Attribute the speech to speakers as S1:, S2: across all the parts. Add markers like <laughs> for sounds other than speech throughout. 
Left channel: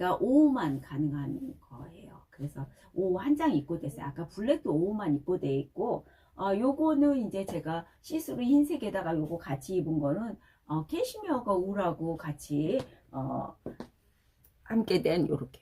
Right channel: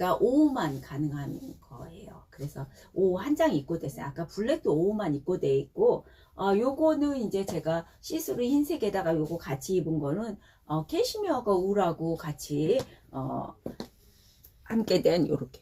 S1: 그러니까 5호만 가능한 거예요. 그래서 5호 한 장 입고 됐어요. 아까 블랙도 5호만 입고 돼 있고 어, 요거는 이제 제가 시스루 흰색에다가 요거 같이 입은 거는 어, 캐시미어가 울하고 같이 어, 함께 된 요렇게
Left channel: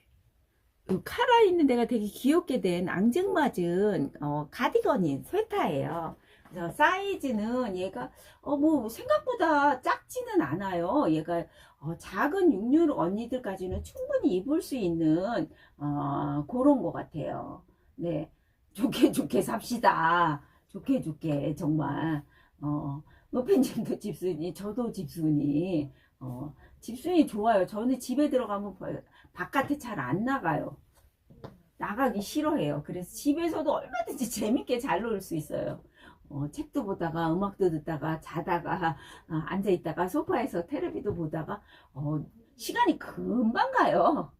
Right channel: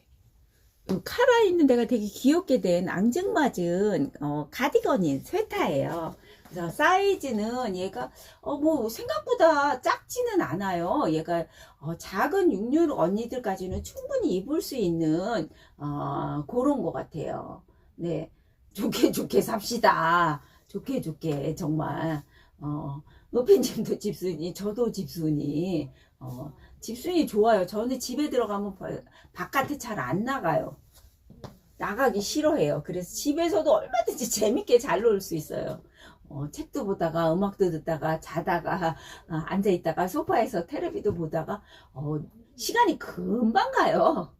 S1: 요 카라 있는 데가 되게 귀엽게 된 앙증맞은 어, 가디건인 스웨터예요. 그래서 사이즈는 얘가 어, 뭐 생각보다 작지는 않아요. 얘가 어, 작은 육류 언니들까지는 충분히 입을 수 있는 어, 그런 것 같아요. 네, 좋게 좋게 삽시다. 좋게 좋게 정말 어, 노팬님도 집순이, 저도 집순이. 어, 집순이 좋아요. 저는 집에 들어가면 바- 바깥에 잘 안 나가요. 나가기 싫어해요. 그래서 집에서도 얼마든지 <laughs> 재밌게 잘 놀 수 있어요. 어, 책도 보다가 음악도 듣다가 자다가 아, 앉아 있다가 소파에서 테레비도 보다가 어, 시간이 금방 가요.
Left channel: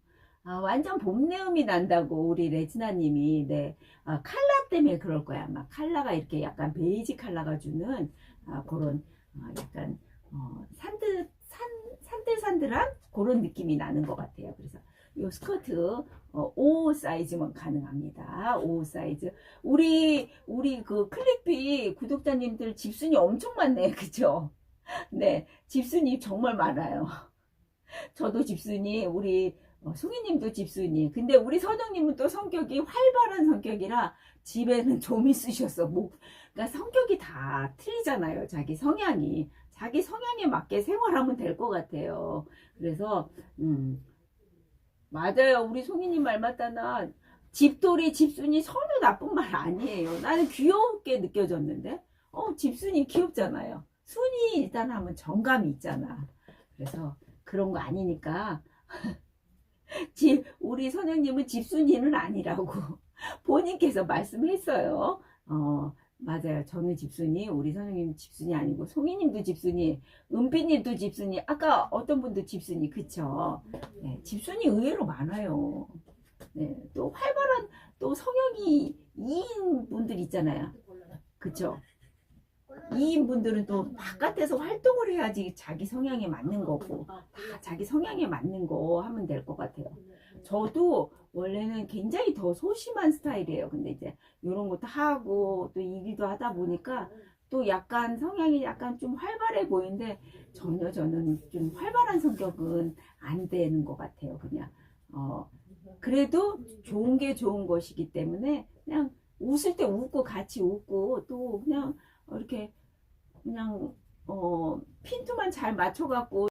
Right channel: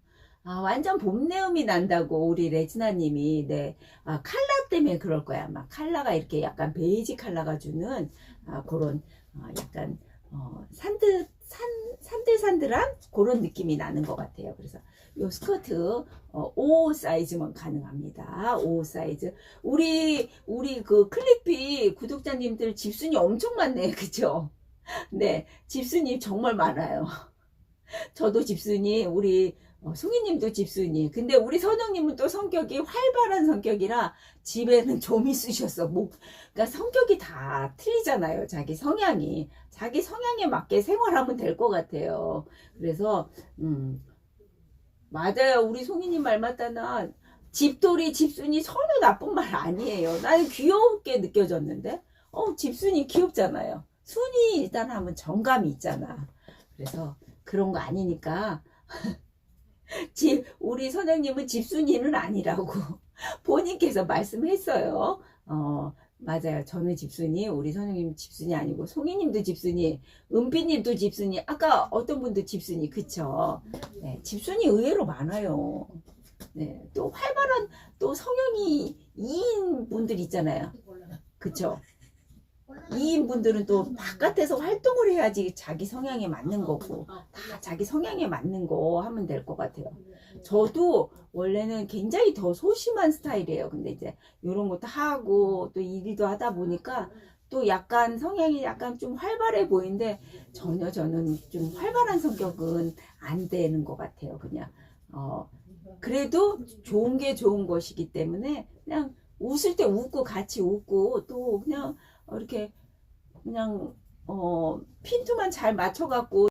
S1: 아, 완전 봄내음이 난다고 우리 레지나님이 네 아, 칼라 때문에 그럴 거야 아마 칼라가 이렇게 약간 베이지 칼라가 주는 아, 그런 어, 약간 어, 산드 산 산들산들한 그런 느낌이 나는 것 같아요. 그래서 요 스커트 어, 5 사이즈만 가능합니다. 5 사이즈. 우리 우리 그 클릭비 구독자님들 집순이 엄청 많네, <laughs> 그죠? 네, 집순이 정말 많아요. <laughs> 저도 집순이, 우리 어, 송이님도 집순이. 근데 우리 선영님은 또 성격이 활발한 성격이라 집에는 좀 있으셨어. 뭐, 그러니까 성격이 다 틀리잖아요. 자기 성향이. 자기 성향에 맞게 생활하면 될 것 같아요. 그래서 음, 맞아요. 우리 송이님 말 맞다나 집돌이 집순이 전혀 나쁜 말 아니에요. 나는 귀엽게 느껴졌는데 어 집순이 귀엽잖아요. 순이 일단 하면 정감이 있잖아. 그래서 그런 거 아니니까 <laughs> 집 우리 선생님은 집순이는 아니라고 <laughs> 본인께서 말씀했어요. 어 맞아요. 저는 집순이, 우리 선생님 집순이 아니고 송이님도 집순이, 은비님도 집순이, 아까 어떤 분도 집순이, 그쵸? 네, 집순이 의외로 많아요. 네, 또 활발한 또 성향이 2인 분들 있잖아요. 그쵸? 2인 분들은 또 바깥에서 활동을 해야지 자기 성향에 맞는 거고, 다 자기 성향에 맞는 거 하면 될 것 같아요. 저도 원래는 굉장히 더 소심한 스타일이에요. 근데 이제 이런 것도 하고 또 일도 하다 보니까 또 약간 성향이 약간 좀 활발해 보이는데 전혀 저는 좀 활발한 성격은 안 되는 것 같아요. 그냥 어 그래도 좋은 게 좋은 것이기 때문에 그냥 웃을 때 웃고 같이 웃고 또 그냥 이렇게 그냥 어 핀트만 잘 맞춰갖고